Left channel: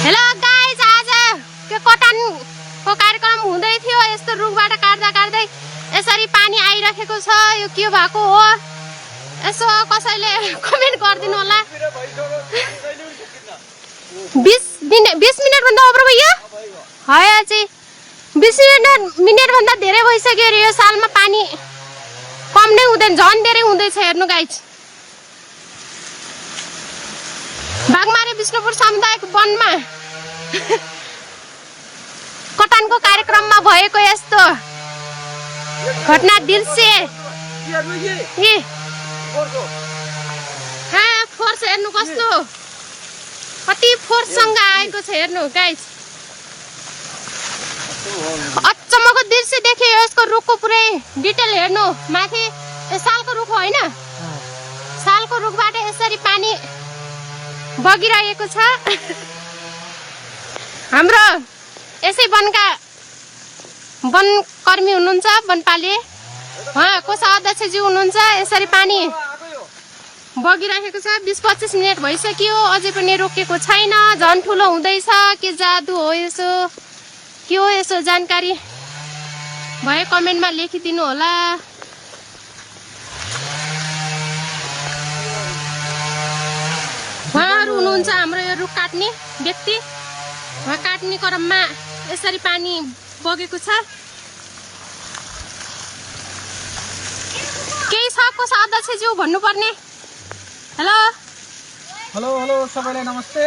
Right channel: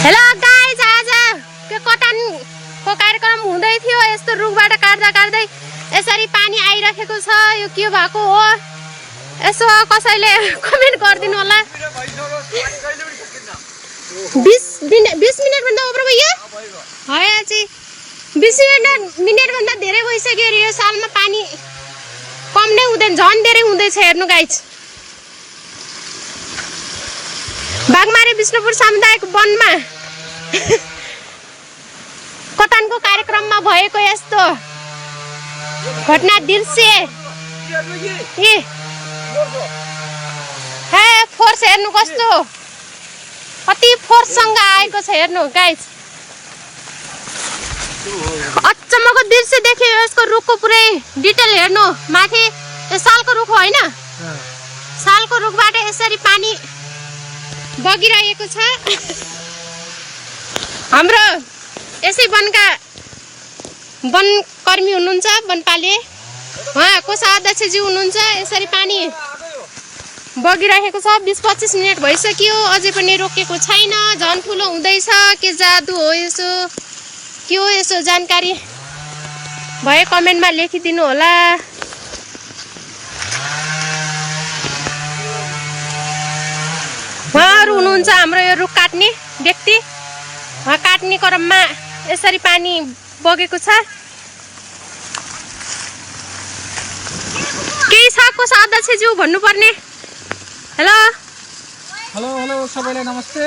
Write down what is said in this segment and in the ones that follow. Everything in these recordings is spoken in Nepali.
हेलो गाइज, आज के कटानको कार्यक्रम हुँदै थियो। यस्तो रुखबाट काट्दा काट्दै यसरी पानी आइरहेको छ। यो के भएको हो यसो कसैले कमेन्ट गरिदिनु होला। 20 मिनट भन्दा ओभर भयो। है अझै 20 मिनट भन्दा धेरै भइसक्यो रे। यो सालमा पानी कम नै हुँदैन, झन् धेरै हुँदैछ। हेर्नु गाइज, बागमारी विष्णुपुर सामुदायिक वनमा कटानको कार्यक्रममा भएको यस्तो घटना दृश्य फोर्स हेर्नु कस्तो कति फोर्ससँग आएको छ। हेर्नु गाइज, अचम्मको दृश्य देखियो। यसको रुखको पुरै डिटेल हेर्नु। माथि यो सालको रुख होइन, सालको रुखबाट यसरी पानी बगिरहेको छ। हाम्रो यसै वनका वनकर्मी हुनुहुन्छ, वनपाले उहाँको अध्यक्षज्यू हुनुहुन्छ। यसरी पानी बगिरहेको छ। 20-25 मिनट भइसक्यो, अझै पनि रोकेको छैन। झन् ठुलो हुँदैछ। के जादु हो यसो, के हो यसो? जानकारी भए कमेन्टमा लेखिदिनु होला। उहाँहरू हुनुहुन्छ हाम्रो यो रुख काट्ने व्यक्ति। उहाँ काट्ने क्रममा यसरी पानी बगेको छ। केही छ को अध्यक्षज्यू भन्नुपर्ने? हेलो हेलो हेलो सबैलाई नमस्ते।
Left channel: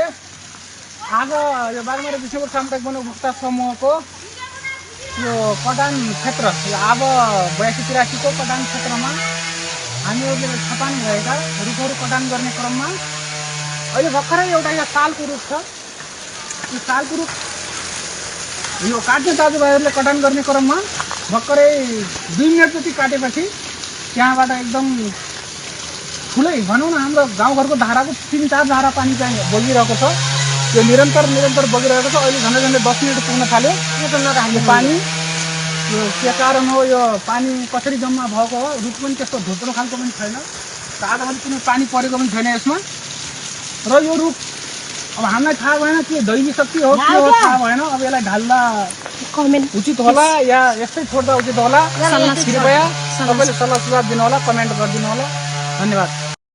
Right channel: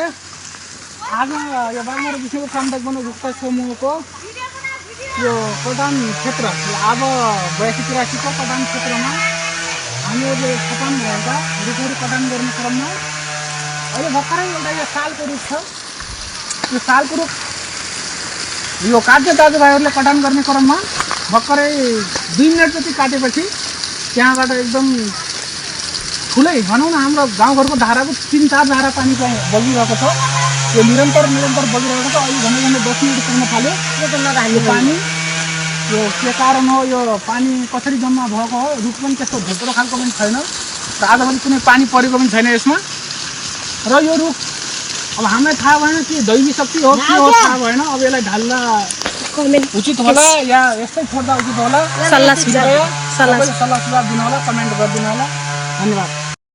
आज यो बागमारी विष्णुपुर सामुदायिक वन उपभोक्ता समूहको यो कटान क्षेत्र, अब 82-83 को कटान क्षेत्रमा हामीहरूले छपान भएका रुखहरू कटान गर्ने क्रममा अहिले भर्खरै एउटा यो सालको रुख छ। यो सालको रुख यो काट्ने दाजुभाइहरूले कटान गर्ने क्रममा भर्खरै 2 मिनट जति काटेपछि त्यहाँबाट एकदम ठुलै भनौँ न, हाम्रो गाउँघरको धाराको 3-4 धारा पानी चाहिँ बगिरहेको छ। यो निरन्तर बगिरहेको छ। अहिले झन्डै 10 मिनट पुग्न थाल्यो पानी। यो के कारण हो, यो पानी कसरी जम्मा भएको हो? रुख पनि त्यस्तो धोत्रो खालको पनि छैन र आजभोलि कुनै पानी परेको पनि छैन यसमा। र यो रुख अब हामीलाई थाहा भएन कि दैवी शक्ति हो के हो, थाहा भएन। अब यसलाई ढाल्दा उचित होला या यस्तै छोड्दा उचित होला? सल्लाह सुझाव दिनु होला, कमेन्ट गरिदिनु होला। धन्यवाद।